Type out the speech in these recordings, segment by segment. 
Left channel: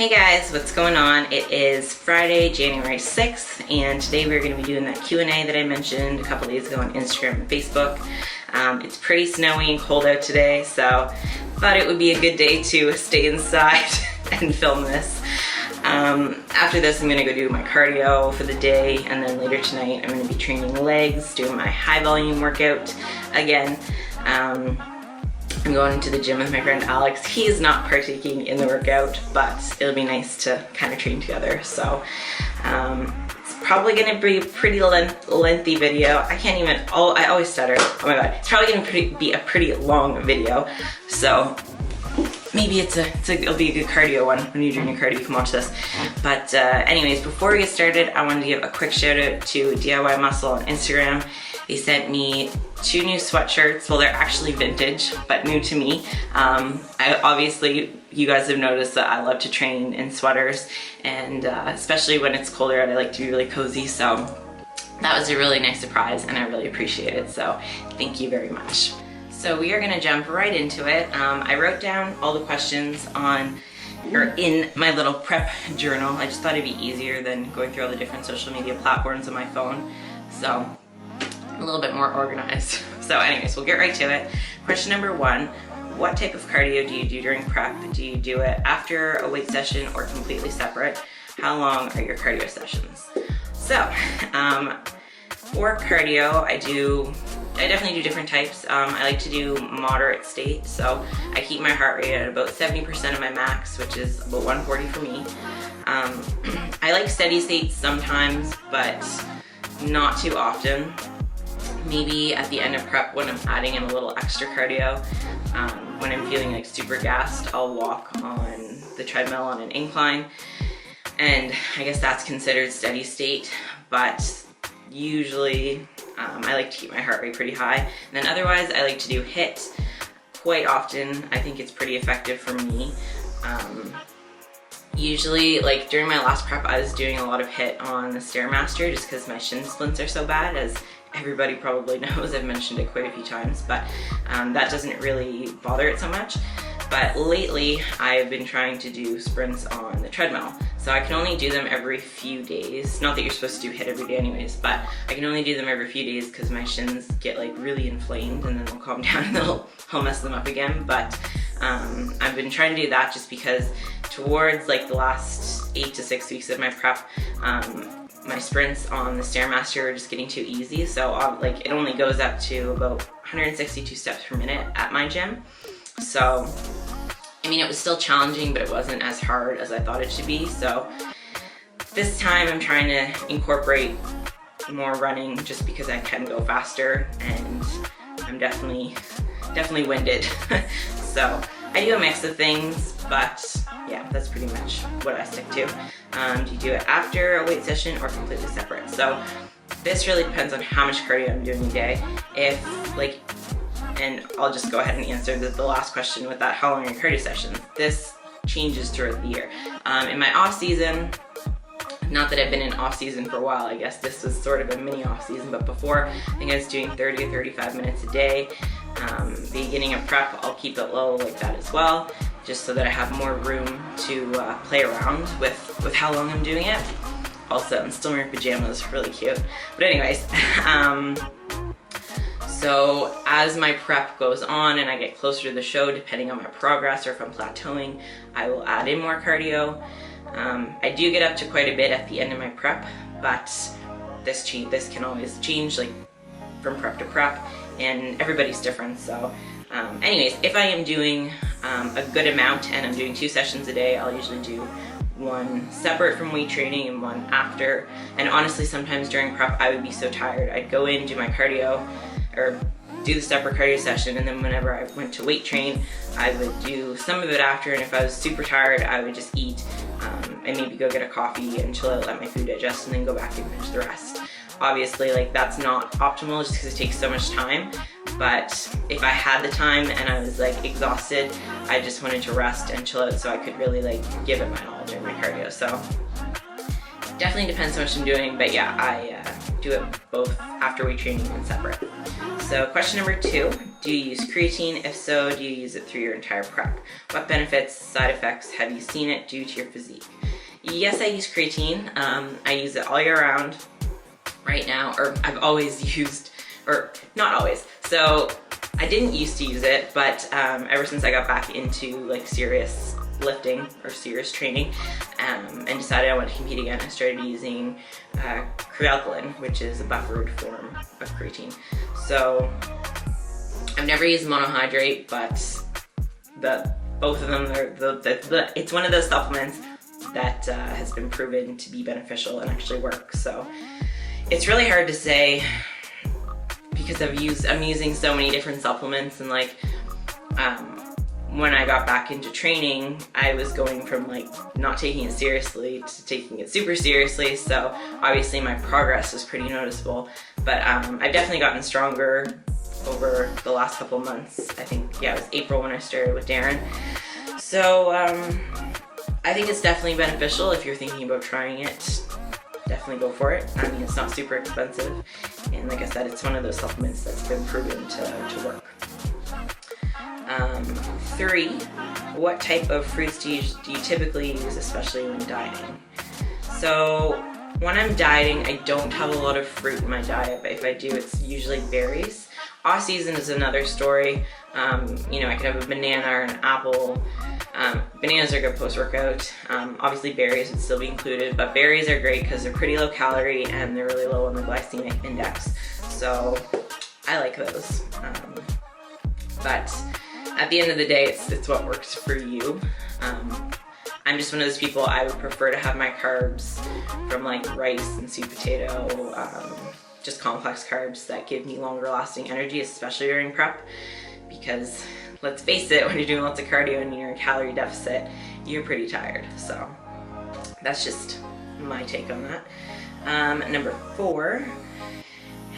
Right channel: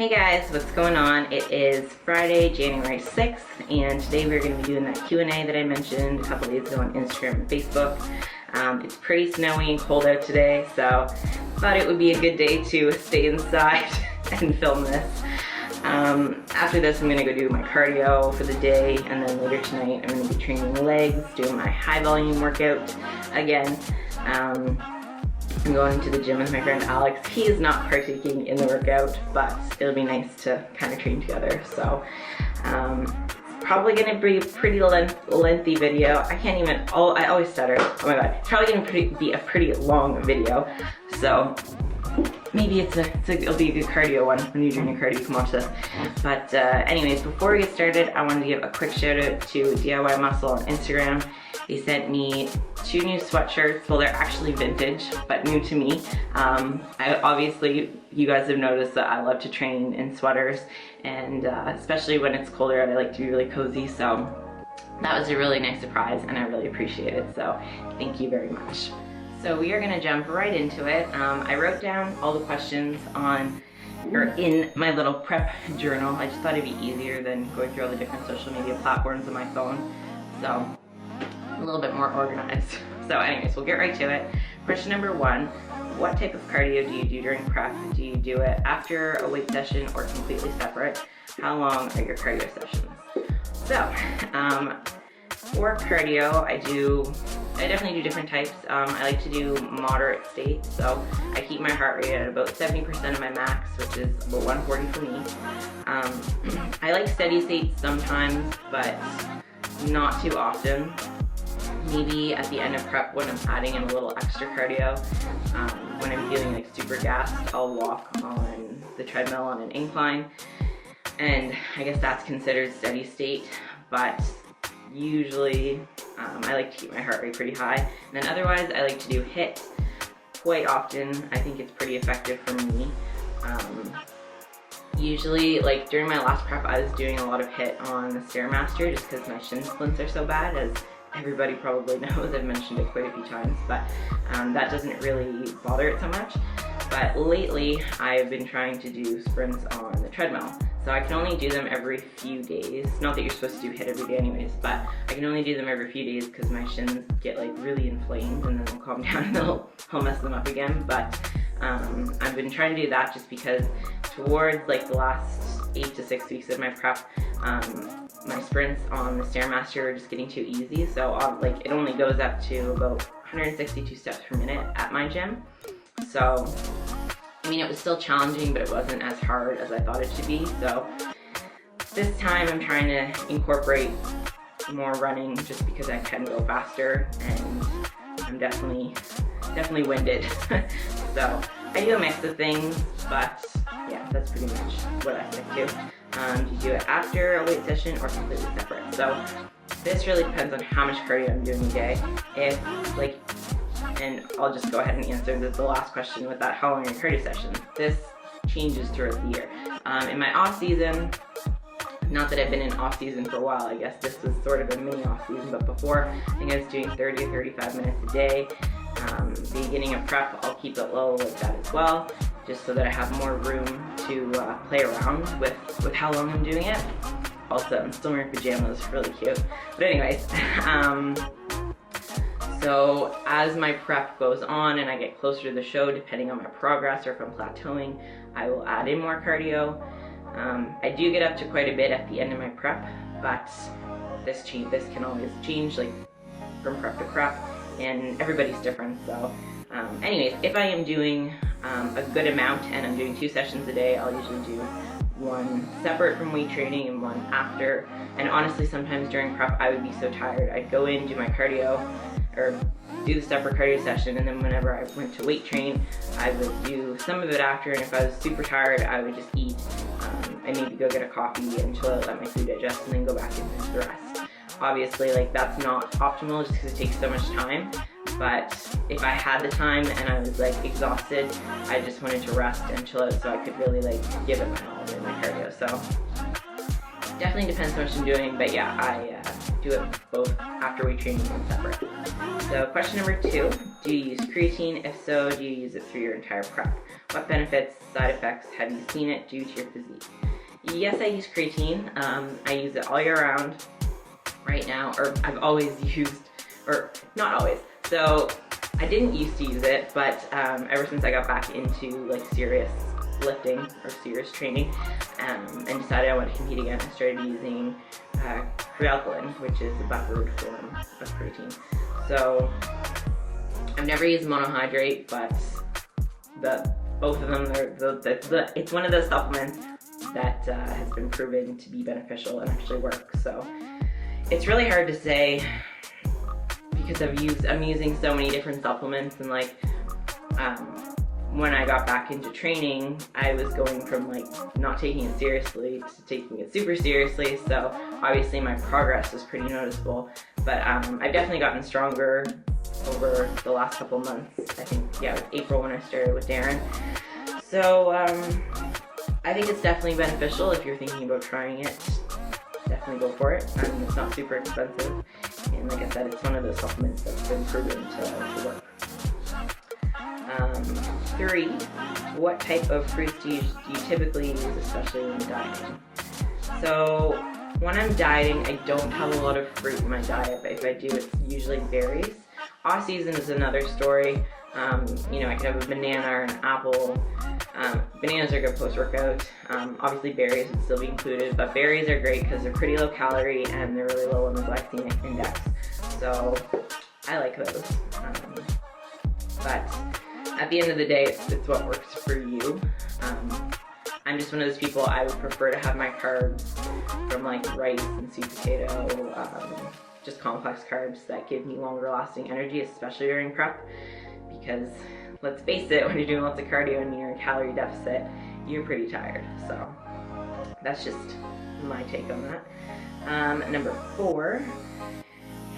Hey guys, what's going on? It is Friday, January 6th, and today we're going to be doing that Q&A that I mentioned a couple days ago on Instagram and Facebook. It's pretty snowy and cold out today, so thought it would be a good day to stay inside and film this. After this, I'm going to go do my cardio for the day, and then later tonight I'm going to be training legs, doing my high volume workout again. I'm going to the gym with my friend Alex. He is not partaking in the workout, but it'll be nice to kind of train together. So it's probably going to be a pretty lengthy video. I can't even, I always stutter. Oh my god. It's probably going to be a pretty long video. So maybe it'll be a good cardio one. When you're doing your cardio, you can watch this. But anyways, before we get started, I wanted to give a quick shout out to DIY Muscle on Instagram. They sent me 2 new sweatshirts. Well, they're actually vintage, but new to me. Obviously, you guys have noticed that I love to train in sweaters, and especially when it's colder out, I like to be really cozy. So that was a really nice surprise, and I really appreciate it. So thank you very much. So we are gonna jump right into it. I wrote down all the questions in my little prep journal. I just thought it'd be easier than going through all the different social media platforms on my phone. So a little bit more organized. So anyways, we'll get right to it. Question number 1, what type of cardio do you do during prep? Do you do it after a weight session or completely separate? How long are your cardio sessions? So, for cardio, I definitely do different types. I like to do moderate state, so I keep my heart rate at about 70% of my max, which is about 140 for me. I like steady state sometimes, but not too often. Maybe at the end of prep when I'm adding in a little extra cardio. When I'm feeling like super gassed, I'll walk on the treadmill on an incline, and I guess that's considered steady state, but usually I like to keep my heart rate pretty high. And then otherwise I like to do HIIT quite often. I think it's pretty effective for me. Usually, like during my last prep, I was doing a lot of HIIT on the Stairmaster just because my shin splints are so bad, as everybody probably knows. I've mentioned it quite a few times, but that doesn't really bother it so much. But lately, I've been trying to do sprints on the treadmill. So I can only do them every few days. Not that you're supposed to do HIIT every day anyways, but I can only do them every few days because my shins get like really inflamed, and then they'll calm down and I'll mess them up again. But I've been trying to do that just because towards like the last 8 to 6 weeks of my prep, my sprints on the Stairmaster are just getting too easy. So like it only goes up to about 162 steps per minute at my gym. So I mean, it was still challenging, but it wasn't as hard as I thought it should be. So this time I'm trying to incorporate more running just because I can go faster, and I'm definitely winded. So I do a mix of things, but yeah, that's pretty much what I stick to. Do you do it after a weight session or completely separate? So this really depends on how much cardio I'm doing a day. And I'll just go ahead and answer the last question with that, how long are your cardio sessions? This changes throughout the year. In my off season, not that I've been in off season for a while, I guess this was sort of a mini off season, but before, I think I was doing 30 or 35 minutes a day. Beginning of prep, I'll keep it low like that as well, just so that I have more room to play around with how long I'm doing it. Also, I'm still wearing pajamas, really cute. But anyways, so as my prep goes on and I get closer to the show, depending on my progress or if I'm plateauing, I will add in more cardio. I do get up to quite a bit at the end of my prep, but this can always change, like from prep to prep, and everybody's different. So anyways, if I am doing a good amount and I'm doing 2 sessions a day, I'll usually do one separate from weight training and one after. And honestly, sometimes during prep I would be so tired, I'd go in, do my cardio, or do the separate cardio session, and then whenever I went to weight train, I would do some of it after, and if I was super tired, I would just eat and maybe go get a coffee and chill out, let my food digest, and then go back and finish the rest. Obviously, like that's not optimal just because it takes so much time, but if I had the time and I was like exhausted, I just wanted to rest and chill out so I could really like give it my all during my cardio. So definitely depends how much I'm doing, but yeah, do it both after weight training and separate. So question number 2, do you use creatine? If so, do you use it through your entire prep? What benefits, side effects have you seen it due to your physique? Yes, I use creatine. I use it all year round right now, or I've always used, or not always. So I didn't used to use it, but ever since I got back into like serious lifting or serious training and decided I wanted to compete again, I started using crude alkaline, which is a buffered form of creatine. So I've never used monohydrate, but both of them, it's one of those supplements that has been proven to be beneficial and actually work. So it's really hard to say because I'm using so many different supplements, and like when I got back into training, I was going from like not taking it seriously to taking it super seriously. So obviously my progress was pretty noticeable, but I've definitely gotten stronger over the last couple months. I think, yeah, it was April when I started with Darren. So I think it's definitely beneficial if you're thinking about trying it. Definitely go for it. I mean, it's not super expensive, and like I said, it's one of those supplements that's been proven to work. 3, what type of fruits do you typically use, especially when dieting? So when I'm dieting, I don't have a lot of fruit in my diet, but if I do, it's usually berries. Off season is another story. You know, I could have a banana or an apple. Bananas are good post-workout. Obviously berries would still be included, but berries are great because they're pretty low calorie and they're really low on the glycemic index. So I like those. But at the end of the day, it's what works for you. I'm just one of those people, I would prefer to have my carbs from like rice and sweet potato, just complex carbs that give me longer lasting energy, especially during prep, because let's face it, when you're doing lots of cardio and you're in calorie deficit, you're pretty tired. So that's just my take on that. Number 4,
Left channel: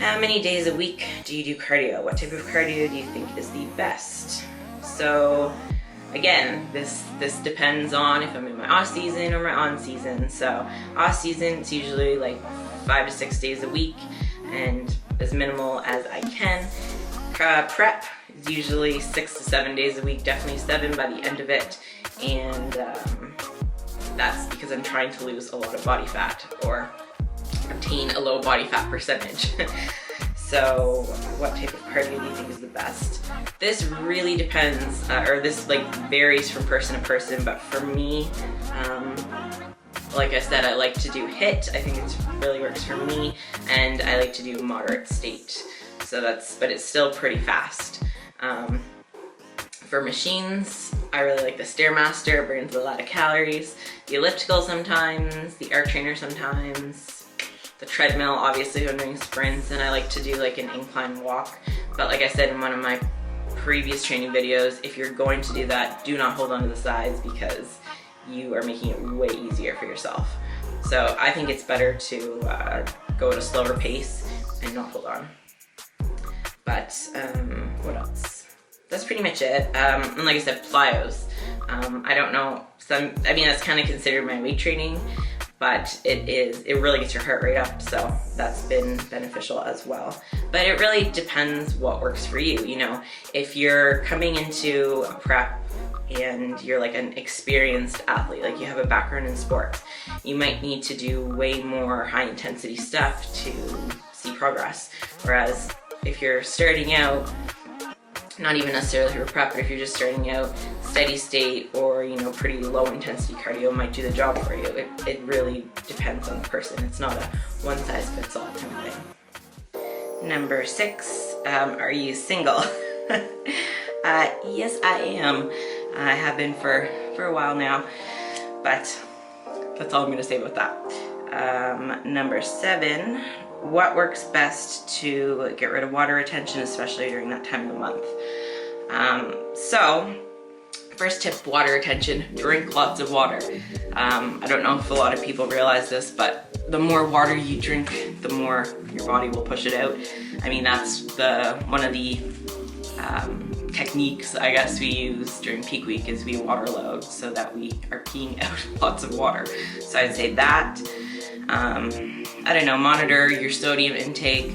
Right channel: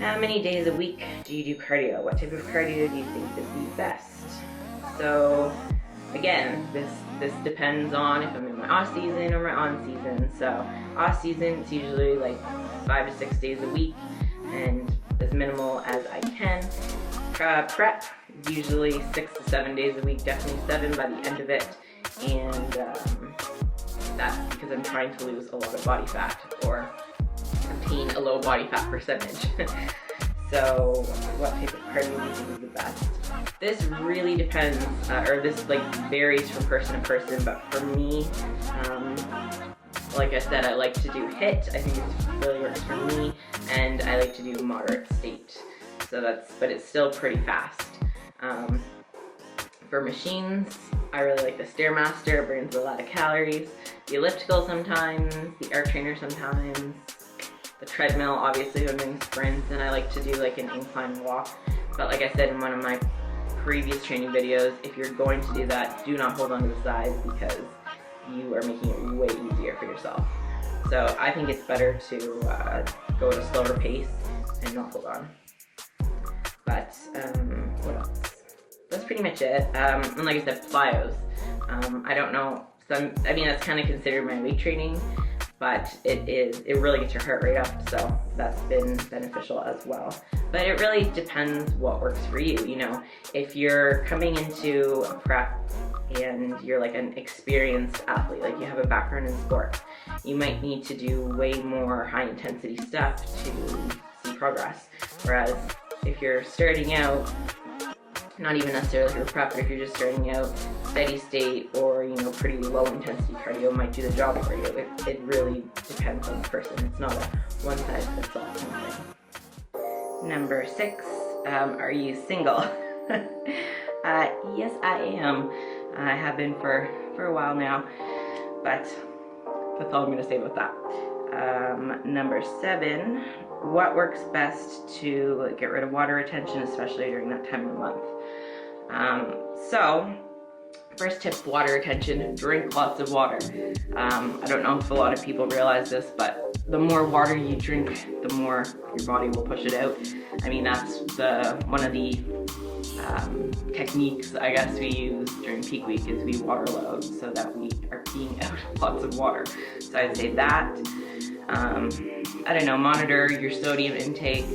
how many days a week do you do cardio? What type of cardio do you think is the best? So again, this depends on if I'm in my off season or my on season. So off season, it's usually like 5 to 6 days a week and as minimal as I can. Prep is usually 6 to 7 days a week, definitely 7 by the end of it. And that's because I'm trying to lose a lot of body fat or obtain a low body fat percentage. So what type of cardio do you think is the best? This really depends, or this like varies from person to person, but for me, like I said, I like to do HIIT. I think it really works for me, and I like to do moderate state. So but it's still pretty fast. For machines, I really like the Stairmaster. It burns a lot of calories. The elliptical sometimes, the arc trainer sometimes. The treadmill, obviously, when I'm doing sprints, and I like to do like an incline walk. But like I said in one of my previous training videos, if you're going to do that, do not hold on to the sides because you are making it way easier for yourself. So I think it's better to go at a slower pace and not hold on. But what else? That's pretty much it. And like I said, plyos. I don't know, I mean, that's kind of considered my weight training, but it really gets your heart rate up, so that's been beneficial as well. But it really depends what works for you. You know, if you're coming into a prep and you're like an experienced athlete, like you have a background in sports, you might need to do way more high intensity stuff to see progress. Whereas if you're starting out, not even necessarily for prep, but if you're just starting out, steady state or, you know, pretty low intensity cardio might do the job for you. It really depends on the person. It's not a one size fits all kind of thing. Number 6, are you single? Yes, I am. I have been for a while now, but that's all I'm gonna say about that. Number 7, what works best to get rid of water retention, especially during that time of the month? So first tip, water retention, drink lots of water. I don't know if a lot of people realize this, but the more water you drink, the more your body will push it out. I mean, that's one of the techniques, I guess, we use during peak week is we water load so that we are peeing out lots of water. So I'd say that. I don't know, monitor your sodium intake.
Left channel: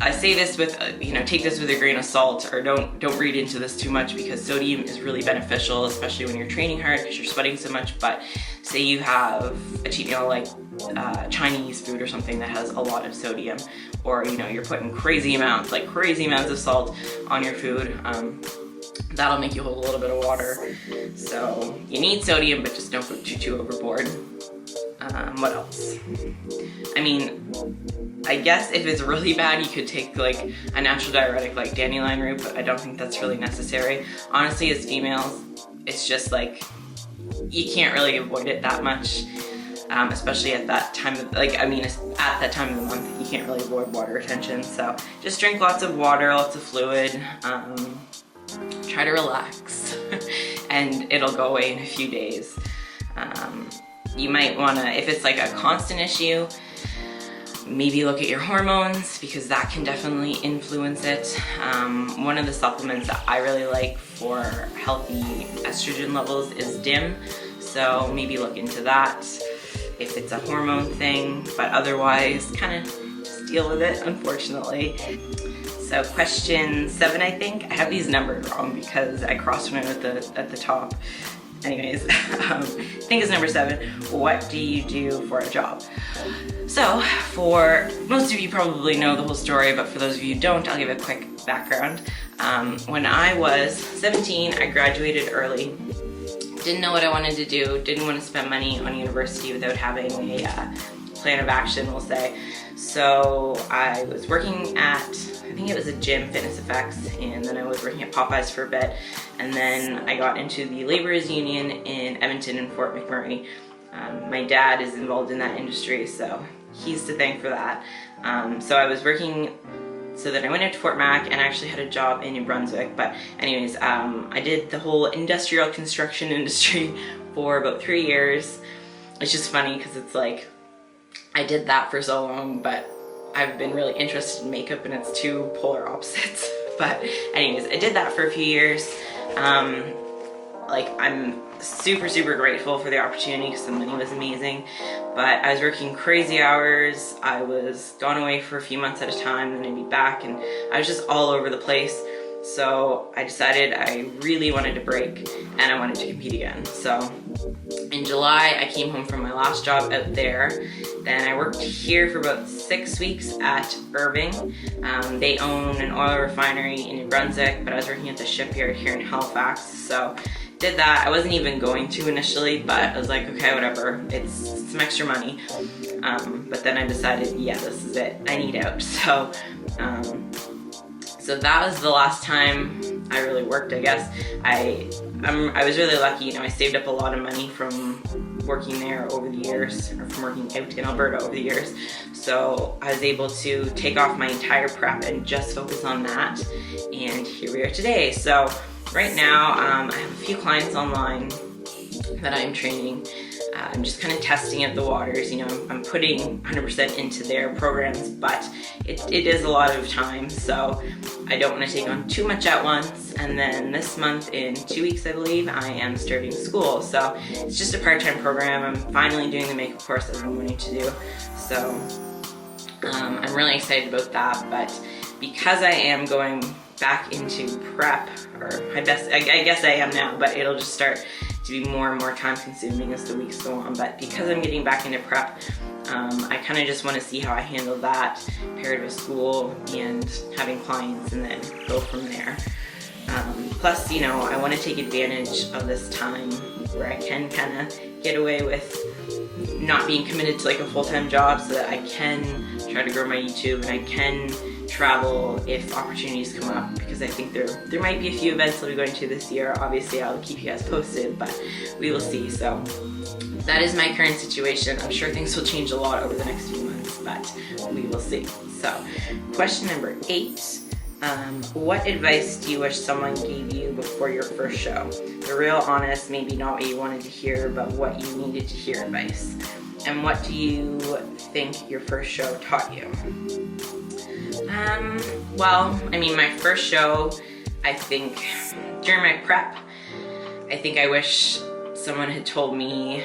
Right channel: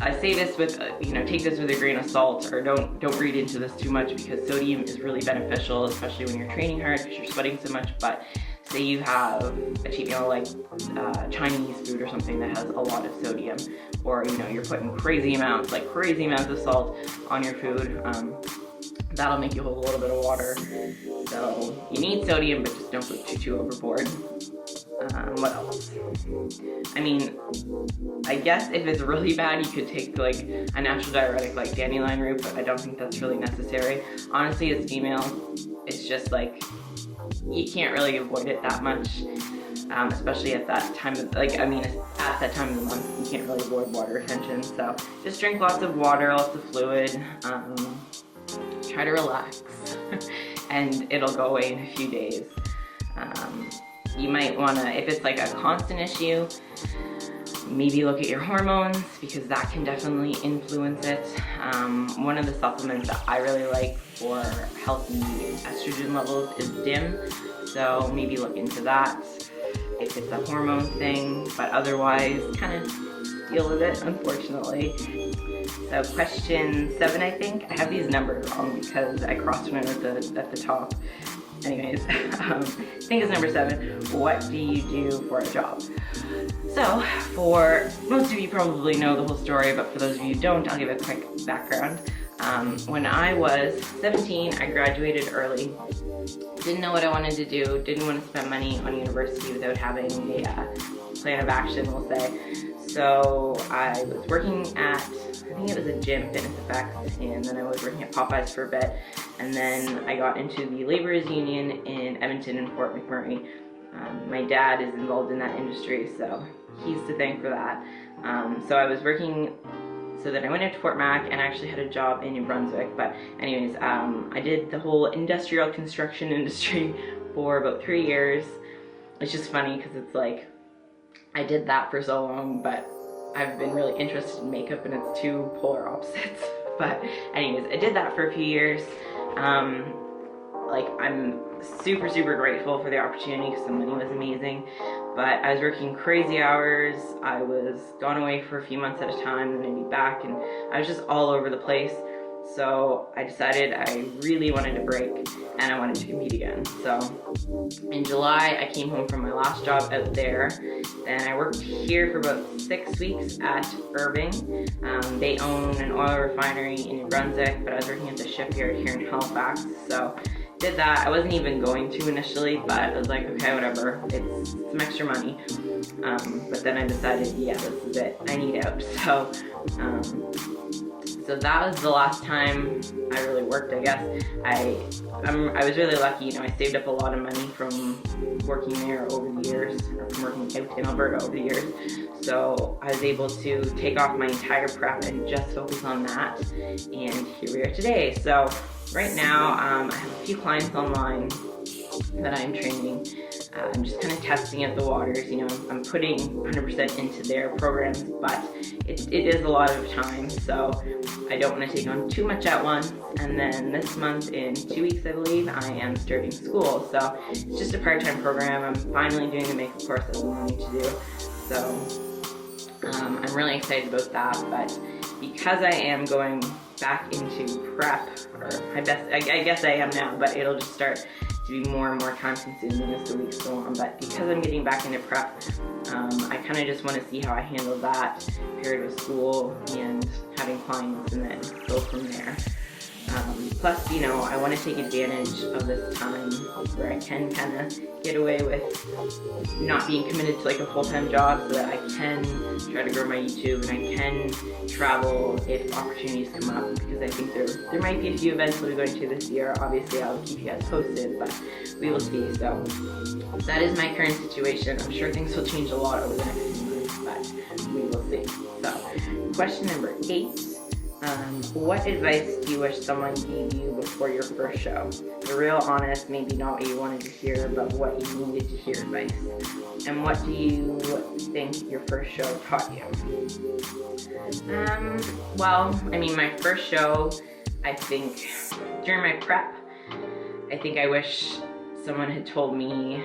I say this with, take this with a grain of salt, or don't read into this too much, because sodium is really beneficial, especially when you're training hard because you're sweating so much. But say you have a cheat meal like Chinese food or something that has a lot of sodium, or you're putting crazy amounts of salt on your food, that'll make you hold a little bit of water. So you need sodium, but just don't go too overboard. What else? I mean, I guess if it's really bad, you could take like a natural diuretic like dandelion root, but I don't think that's really necessary. Honestly, as females, it's just like, you can't really avoid it that much, especially at that time of, at that time of the month, you can't really avoid water retention. So just drink lots of water, lots of fluid, try to relax, and it'll go away in a few days. You might wanna, if it's like a constant issue, maybe look at your hormones, because that can definitely influence it. One of the supplements that I really like for healthy estrogen levels is DIM, so maybe look into that if it's a hormone thing, but otherwise kind of just deal with it, unfortunately. So question 7, I think. I have these numbered wrong because I crossed one out at the top. Anyways, I think it's number 7. What do you do for a job? So, for most of you probably know the whole story, but for those of you who don't, I'll give a quick background. When I was 17, I graduated early. Didn't know what I wanted to do, didn't want to spend money on university without having a plan of action, we'll say. So I was working at, I think it was a gym, Fitness Effects, and then I was working at Popeyes for a bit, and then I got into the laborers union in Edmonton and Fort McMurray. My dad is involved in that industry, so he's to thank for that. So I was working, so then I went out to Fort Mac and actually had a job in New Brunswick. But anyways, I did the whole industrial construction industry for about 3 years. It's just funny because it's like, I did that for so long, but I've been really interested in makeup and it's two polar opposites. But anyways, I did that for a few years. I'm super grateful for the opportunity because the money was amazing, but I was working crazy hours. I was gone away for a few months at a time, then I'd be back, and I was just all over the place. So I decided I really wanted to break and I wanted to compete again. So in July, I came home from my last job out there. Then I worked here for about 6 weeks at Irving. They own an oil refinery in New Brunswick, but I was working at the shipyard here in Halifax. So did that. I wasn't even going to initially, but I was like, okay, whatever. It's some extra money. But then I decided, yeah, this is it. I need out. So that was the last time I really worked, I guess. I was really lucky, I saved up a lot of money from working there over the years, or from working out in Alberta over the years. So I was able to take off my entire prep and just focus on that. And here we are today. So right now, I have a few clients online that I'm training. I'm just kind of testing out the waters. I'm putting 100% into their programs, but it is a lot of time, so I don't want to take on too much at once. And then this month, in 2 weeks, I believe, I am starting school. So it's just a part-time program. I'm finally doing the makeup course that I've been wanting to do. So I'm really excited about that, but because I am going back into prep, or I guess I am now, but it'll just start to be more and more time consuming as the weeks go on. But because I'm getting back into prep, I kind of just want to see how I handle that paired with school and having clients, and then go from there. Plus, I want to take advantage of this time where I can kind of get away with not being committed to like a full-time job, so that I can try to grow my YouTube and I can travel if opportunities come up, because I think there might be a few events I'll be going to this year. Obviously, I'll keep you guys posted, but we will see. So that is my current situation. I'm sure things will change a lot over the next few months, but we will see. So question number 8. What advice do you wish someone gave you before your first show? The real honest, maybe not what you wanted to hear, but what you needed to hear advice. And what do you think your first show taught you? Well, my first show, I think, during my prep, I think I wish someone had told me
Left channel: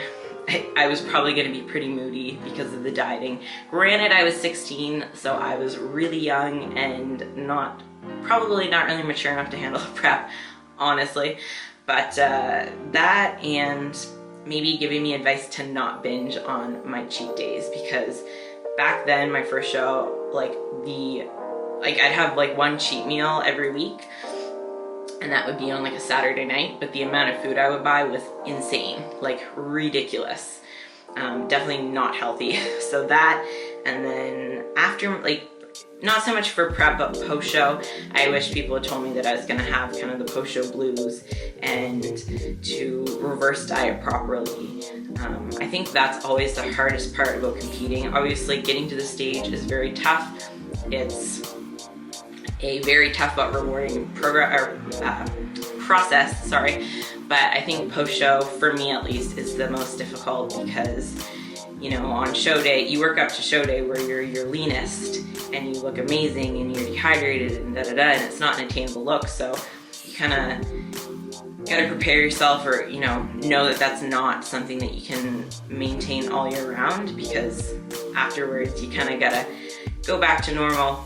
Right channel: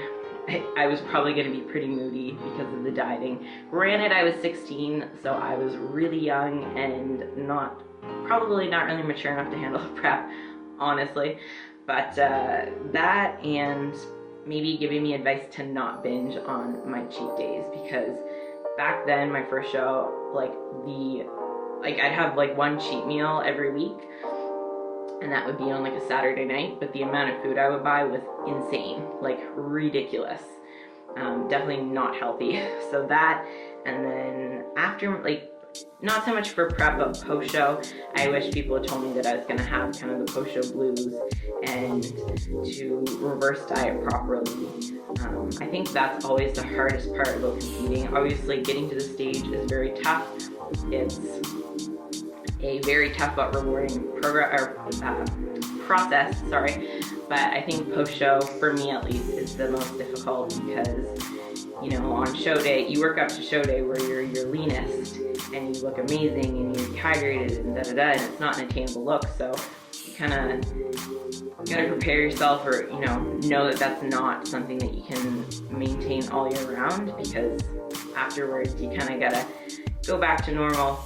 I was probably going to be pretty moody because of the dieting. Granted, I was 16, so I was really young and probably not really mature enough to handle prep, honestly. But that, and maybe giving me advice to not binge on my cheat days, because back then, my first show, I'd have like one cheat meal every week, and that would be on like a Saturday night, but the amount of food I would buy was insane, like ridiculous. Definitely not healthy. So that, and then after, like, not so much for prep, but post-show, I wish people had told me that I was gonna have kind of the post-show blues and to reverse diet properly. I think that's always the hardest part about competing. Obviously, getting to the stage is very tough. It's a very tough but rewarding process, but I think post-show, for me at least, is the most difficult, because, you know, on show day, you work up to show day where you're your leanest and you look amazing and you're dehydrated and and it's not an attainable look, so you kind of gotta prepare yourself, or, you know that that's not something that you can maintain all year round, because afterwards you kind of gotta go back to normal,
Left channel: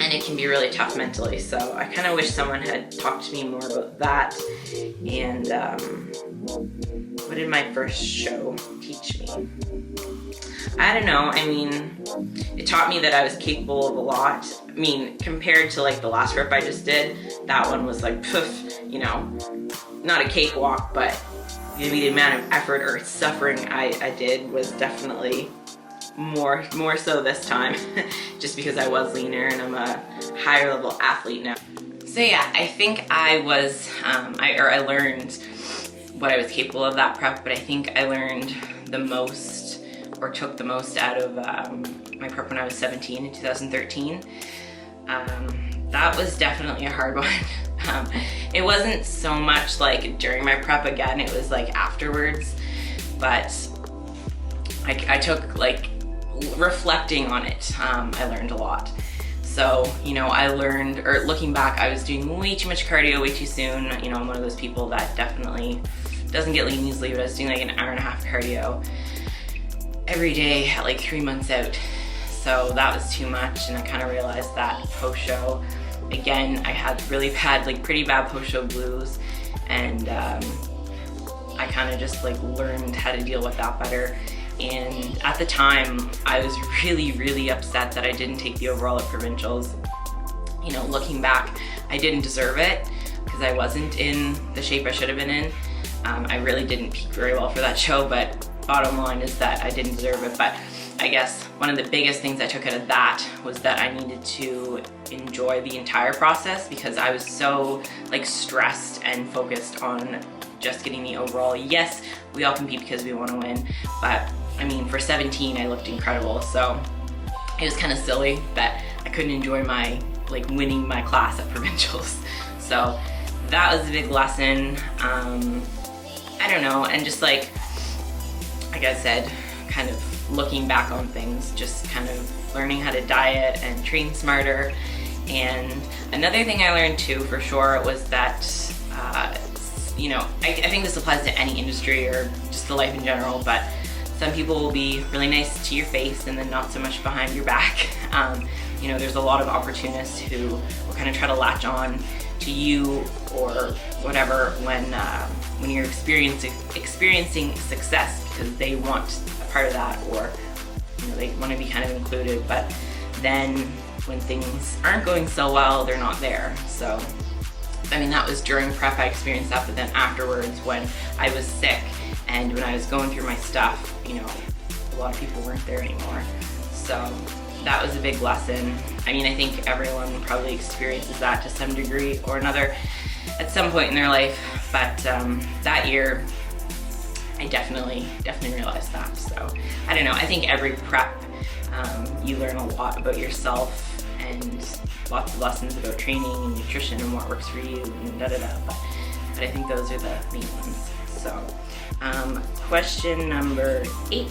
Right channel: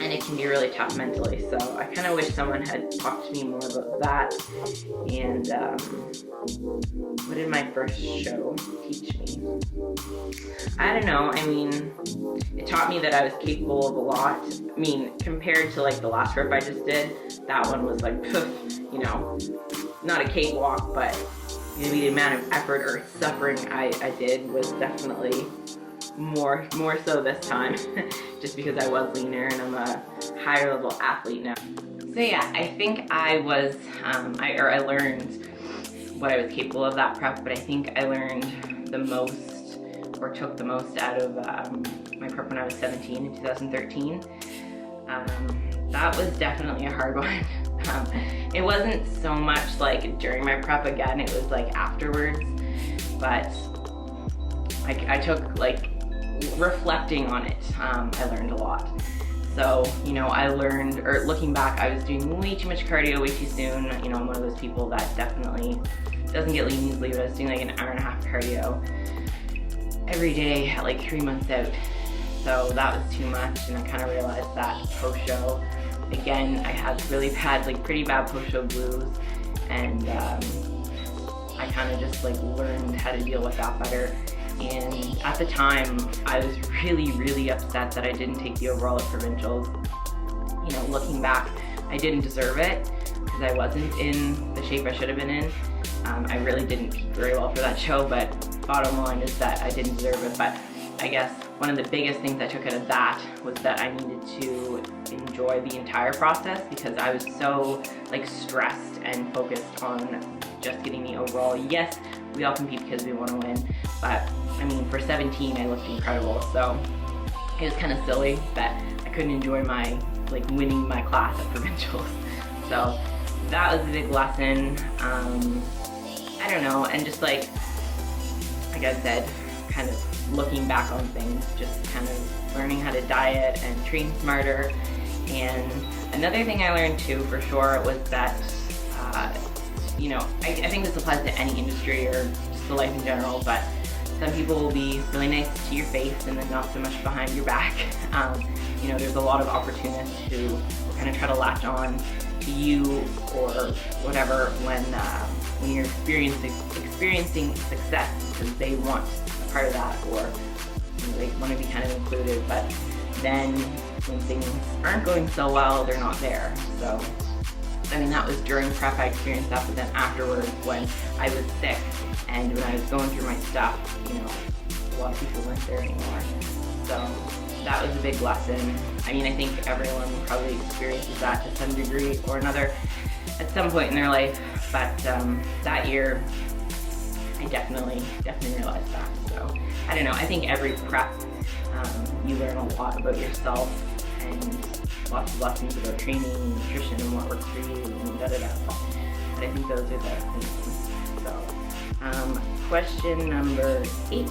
and it can be really tough mentally. So I kind of wish someone had talked to me more about that. And what did my first show teach me? I don't know. I mean, it taught me that I was capable of a lot. I mean, compared to like the last rep I just did, that one was like, poof, you know, not a cakewalk, but maybe the amount of effort or suffering I did was definitely more so this time, just because I was leaner and I'm a higher level athlete now. So yeah, I think I was, I learned what I was capable of that prep, but I think I learned the most, or took the most out of my prep when I was 17 in 2013. That was definitely a hard one. It wasn't so much like during my prep, again, it was like afterwards, but I took, like, reflecting on it, I learned a lot. So, you know, I learned, or looking back, I was doing way too much cardio way too soon. You know, I'm one of those people that definitely doesn't get lean easily, but I was doing like an hour and a half cardio every day at like 3 months out. So that was too much, and I kind of realized that post-show, again, I had really bad, like pretty bad post-show blues, and I kind of just like learned how to deal with that better. And at the time, I was really, really upset that I didn't take the overall at provincials. You know, looking back, I didn't deserve it because I wasn't in the shape I should have been in. I really didn't peak very well for that show, but bottom line is that I didn't deserve it. But I guess one of the biggest things I took out of that was that I needed to enjoy the entire process, because I was so like stressed and focused on just getting the overall. Yes, we all compete because we want to win, but I mean, for 17, I looked incredible, so it was kind of silly that I couldn't enjoy my, like, winning my class at provincials. So that was a big lesson. I don't know, and just like I said, kind of looking back on things, just kind of learning how to diet and train smarter. And another thing I learned too, for sure, was that, you know, I think this applies to any industry or just the life in general, but some people will be really nice to your face and then not so much behind your back. You know, there's a lot of opportunists who will kind of try to latch on to you or whatever when you're experiencing success, because they want a part of that, or, you know, they want to be kind of included. But then when things aren't going so well, they're not there. So, I mean, that was during prep I experienced that, but then afterwards when I was sick and when I was going through my stuff, you know, a lot of people weren't there anymore. So that was a big lesson. I mean, I think everyone probably experiences that to some degree or another at some point in their life, but that year I definitely realized that. So I don't know, I think every prep you learn a lot about yourself and lots of lessons about training and nutrition and what works for you and But I think those are the main things. So question number 8.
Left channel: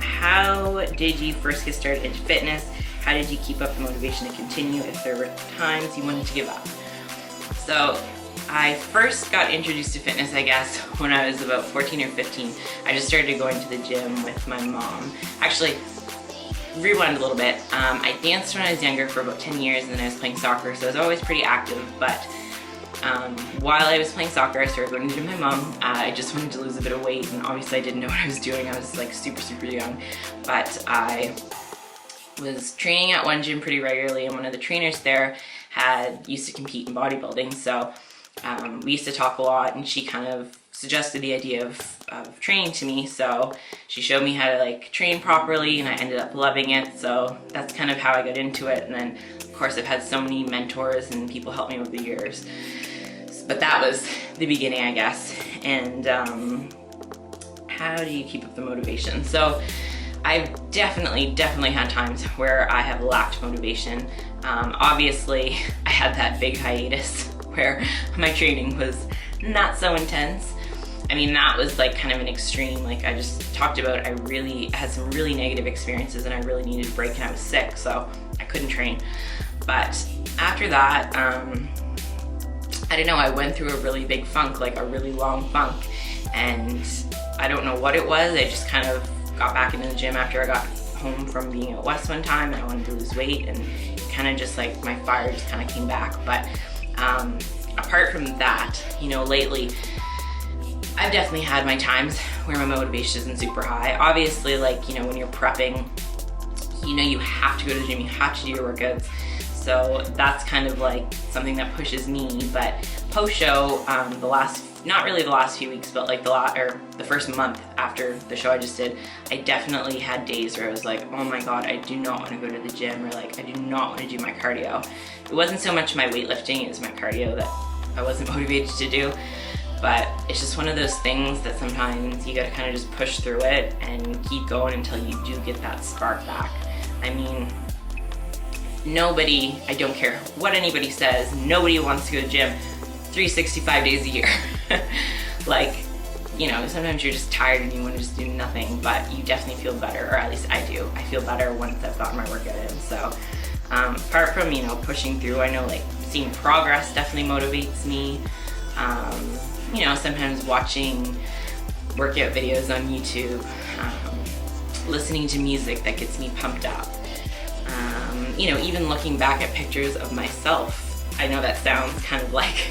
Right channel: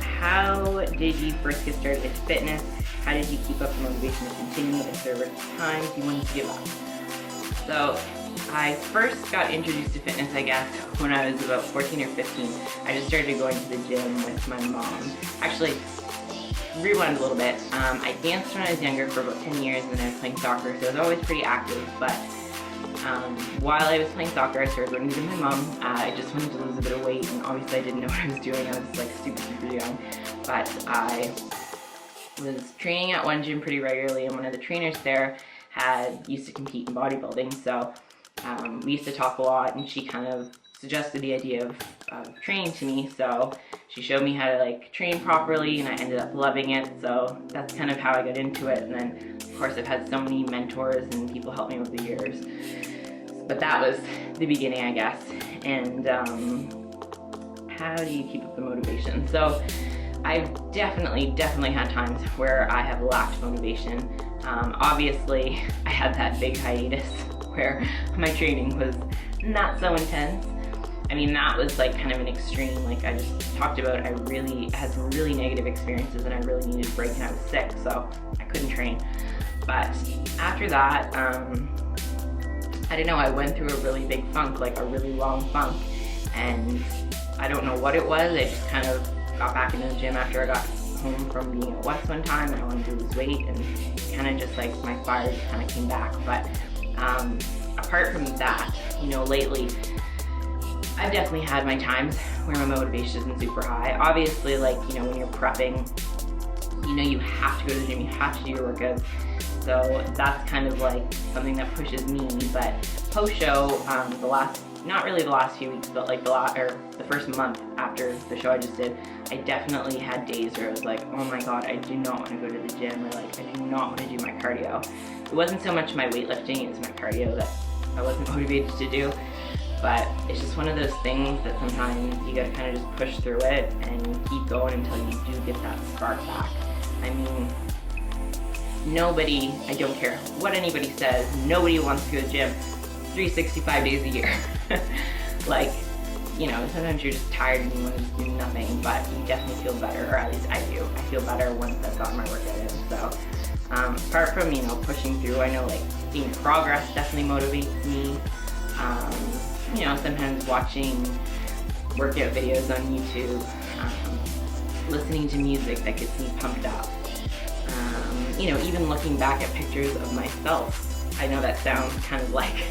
How did you first get started into fitness? How did you keep up the motivation to continue if there were times you wanted to give up? So I first got introduced to fitness, I guess, when I was about 14 or 15. I just started going to the gym with my mom. Actually, rewind a little bit. I danced when I was younger for about 10 years, and then I was playing soccer, so I was always pretty active. But while I was playing soccer, I started going to the gym with my mom. I just wanted to lose a bit of weight, and obviously I didn't know what I was doing. I was like super young. But I was training at one gym pretty regularly, and one of the trainers there used to compete in bodybuilding, so we used to talk a lot, and she kind of suggested the idea of training to me. So she showed me how to like train properly, and I ended up loving it. So that's kind of how I got into it. And then of course I've had so many mentors and people help me over the years, but that was the beginning, I guess. And how do you keep up the motivation? So I've definitely had times where I have lacked motivation. Obviously I had that big hiatus where my training was not so intense. I mean, that was like kind of an extreme. Like I just talked about, I really had some really negative experiences, and I really needed a break, and I was sick, so I couldn't train. But after that, I don't know, I went through a really big funk, like a really long funk, and I don't know what it was. I just kind of got back into the gym after I got home from being at West one time, and I wanted to lose weight, and kind of just like my fire just kind of came back. But apart from that, you know, lately I've definitely had my times where my motivation isn't super high. Obviously, like, you know, when you're prepping, you know, you have to go to the gym, you have to do your workouts. So that's kind of like something that pushes me. But post-show, not really the last few weeks, but like the first month after the show I just did, I definitely had days where I was like, oh my God, I do not want to go to the gym, or like, I do not want to do my cardio. It wasn't so much my weightlifting, it was my cardio that I wasn't motivated to do. But it's just one of those things that sometimes you gotta kind of just push through it and keep going until you do get that spark back. I mean, nobody, I don't care what anybody says, nobody wants to go to the gym 365 days a year. Like, you know, sometimes you're just tired and you want to just do nothing, but you definitely feel better, or at least I do. I feel better once I've gotten my workout in. So apart from, you know, pushing through, I know like seeing progress definitely motivates me. You know, sometimes watching workout videos on YouTube, listening to music that gets me pumped up. You know, even looking back at pictures of myself. I know that sounds kind of like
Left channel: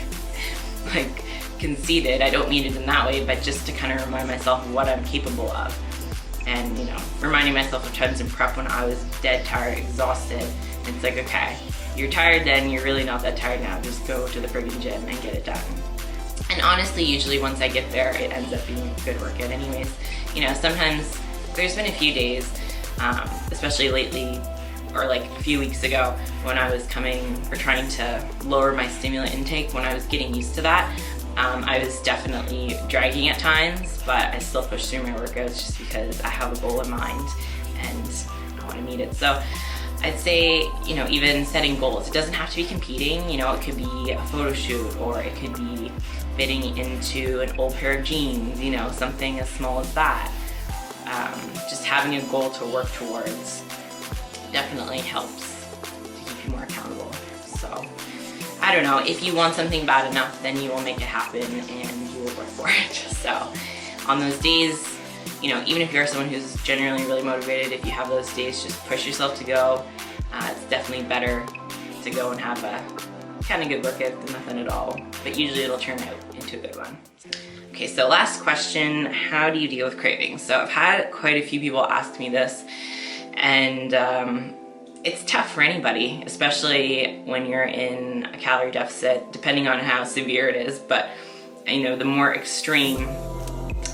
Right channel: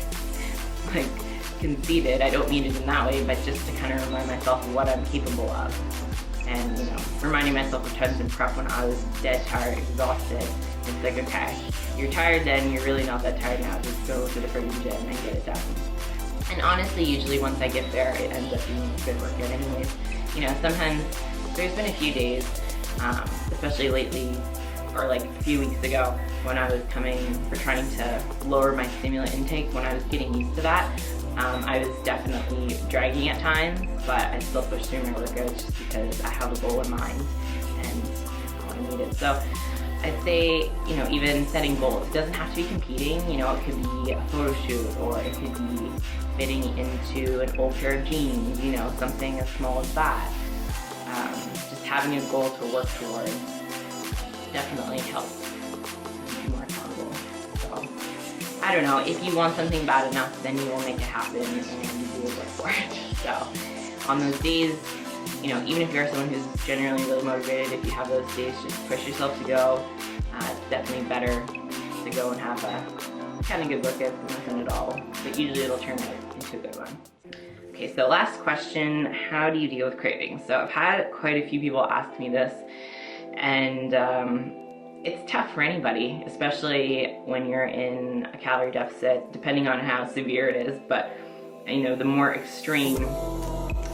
conceited. I don't mean it in that way, but just to kind of remind myself of what I'm capable of. And, you know, reminding myself of times in prep when I was dead tired, exhausted. It's like, okay, you're tired then, you're really not that tired now. Just go to the friggin' gym and get it done. And honestly, usually once I get there, it ends up being a good workout anyways. You know, sometimes there's been a few days, especially lately, or like a few weeks ago, when I was trying to lower my stimulant intake, when I was getting used to that, I was definitely dragging at times, but I still push through my workouts just because I have a goal in mind and I want to meet it. So I'd say, you know, even setting goals, it doesn't have to be competing. You know, it could be a photo shoot, or it could be fitting into an old pair of jeans, you know, something as small as that. Just having a goal to work towards definitely helps keep you more accountable. So I don't know, if you want something bad enough, then you will make it happen and you will work for it. So on those days, you know, even if you're someone who's generally really motivated, if you have those days, just push yourself to go. It's definitely better to go and have a kind of good workout than nothing at all, but usually it'll turn out into a good one. Okay, so last question, how do you deal with cravings? So I've had quite a few people ask me this, and it's tough for anybody, especially when you're in a calorie deficit, depending on how severe it is. But you know, the more extreme,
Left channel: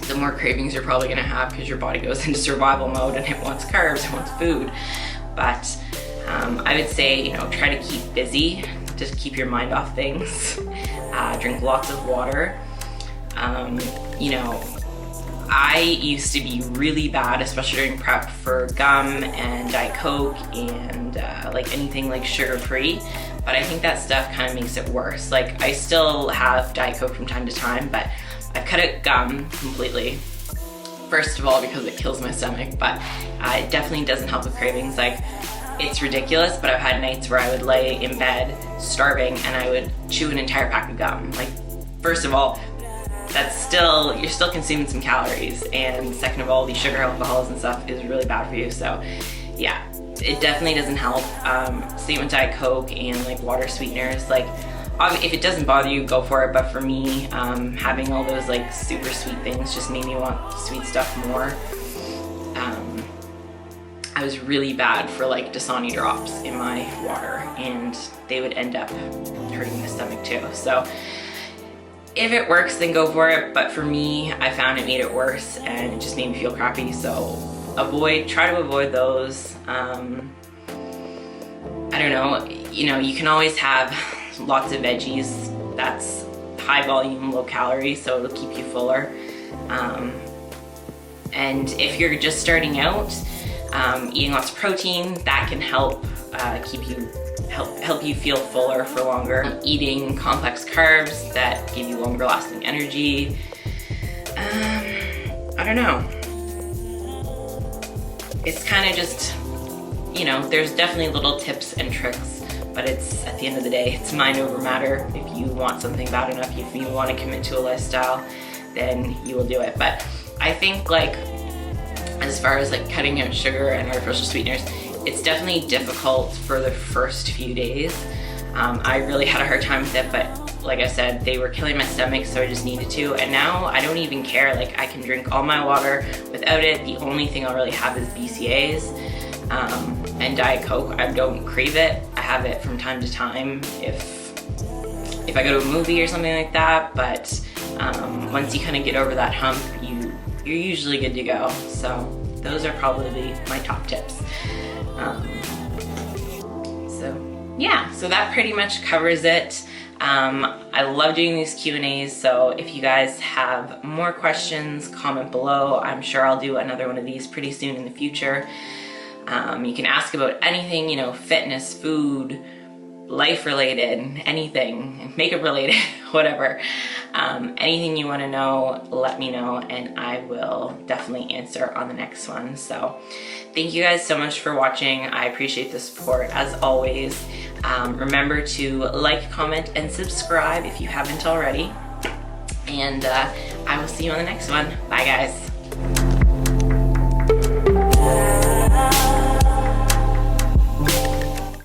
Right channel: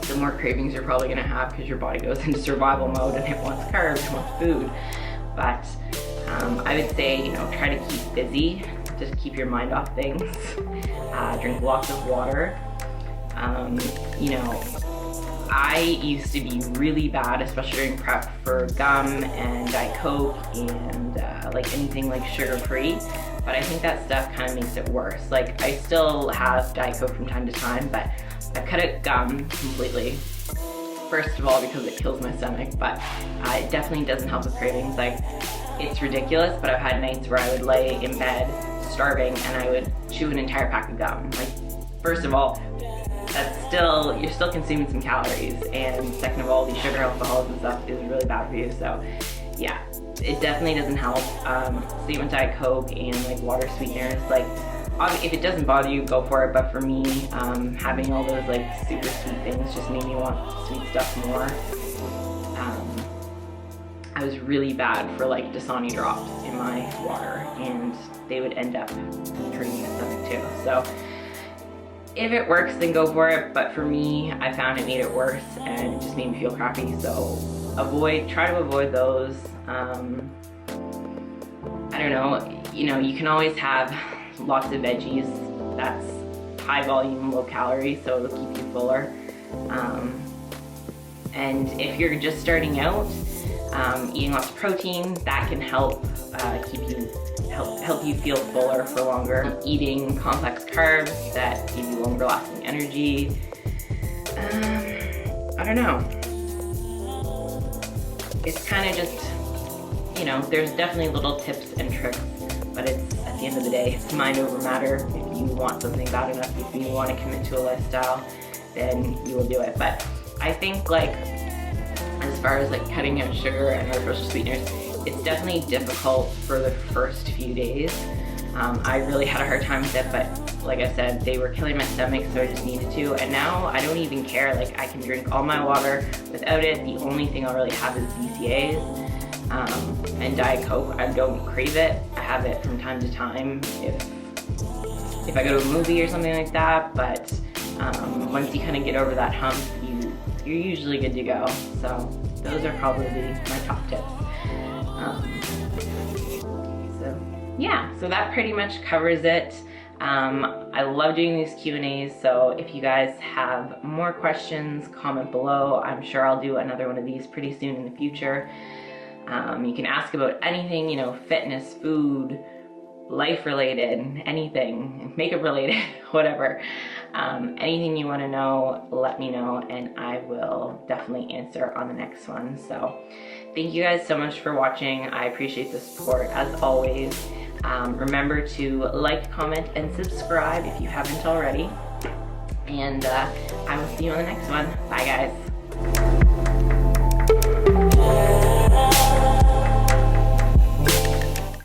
the more cravings you're probably gonna have, because your body goes into survival mode and it wants carbs, it wants food. But I would say, you know, try to keep busy, just keep your mind off things. Drink lots of water. You know, I used to be really bad, especially during prep, for gum and Diet Coke and like anything like sugar-free, but I think that stuff kind of makes it worse. Like, I still have Diet Coke from time to time, but I've cut out gum completely. first of all, because it kills my stomach, but it definitely doesn't help with cravings. Like, it's ridiculous, but I've had nights where I would lay in bed starving and I would chew an entire pack of gum. Like, first of all, you're still consuming some calories, and second of all, these sugar alcohols and stuff is really bad for you. So yeah, it definitely doesn't help. Same with Diet Coke and like water sweeteners. Like, if it doesn't bother you, go for it, but for me, having all those like super sweet things just made me want sweet stuff more. I was really bad for like Dasani drops in my water, and they would end up hurting my stomach too. So if it works, then go for it, but for me, I found it made it worse and it just made me feel crappy. So try to avoid those. I don't know, you can always have lots of veggies. That's high volume, low calorie, so it'll keep you fuller. And if you're just starting out, eating lots of protein, that can help help you feel fuller for longer. Eating complex carbs that give you longer lasting energy. I don't know. It's kind of just, there's definitely little tips and tricks, but it's, at the end of the day, it's mind over matter. If you want something bad enough, if you want to commit to a lifestyle, then you will do it. But I think, like, as far as like cutting out sugar and artificial sweeteners, it's definitely difficult for the first few days. I really had a hard time with it, but like I said, they were killing my stomach, so I just needed to. And now I don't even care. Like, I can drink all my water without it. The only thing I'll really have is BCAAs and Diet Coke. I don't crave it. I have it from time to time if I go to a movie or something like that. But once you kind of get over that hump, you're usually good to go. So those are probably my top tips. So that pretty much covers it. I love doing these Q&As, so if you guys have more questions, comment below. I'm sure I'll do another one of these pretty soon in the future. You can ask about anything, fitness, food, life related, anything, makeup related, whatever. Anything you want to know, let me know, and I will definitely answer on the next one. So thank you guys so much for watching. I appreciate the support as always. Remember to like, comment, and subscribe if you haven't already. And I will see you on the next one. Bye, guys.